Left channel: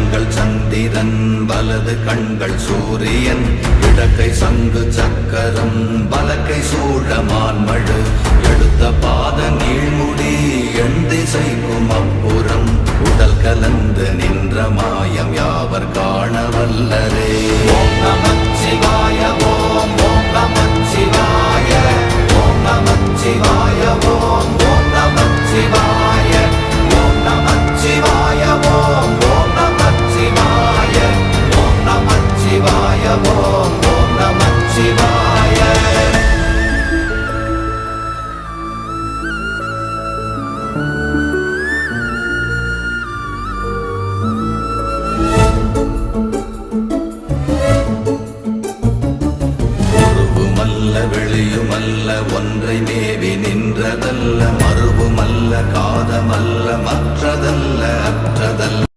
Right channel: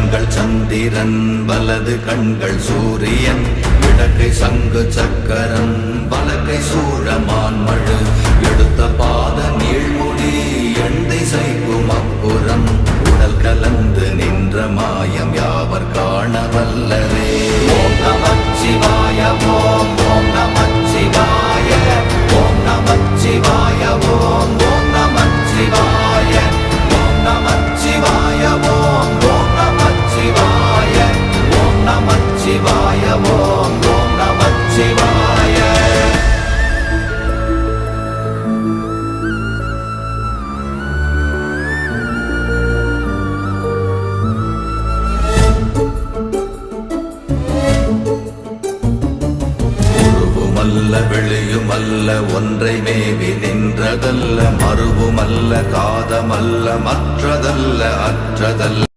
கண்கள் சந்திரன் வலது கண்கள் சூரியன் இடக்கை சங்கு சக்கரம் வலக்கை சூழமான்மழு எடுத்த பாத நீழ்முடி எண் திசைக்கும் அப்புறம் உடல் கலந்து நின்ற மாயம் யாவர் காண வல்லரே. ஓம் நமச்சிவாய ஓம் ஓம் நமச்சிவாய ஓம் நமச்சிவாய ஓம் ஓம் நமச்சிவாய ஓம் நமச்சிவாய ஓம் ஓம் நமச்சிவாய ஓம் நமச்சிவாய ஓம் ஓம் நமச்சிவாய. வெளியுமல்ல ஒன்றை மேவி நின்றதல்ல மறுவுமல்ல காதமல்ல மற்றதல்ல அற்றதல்ல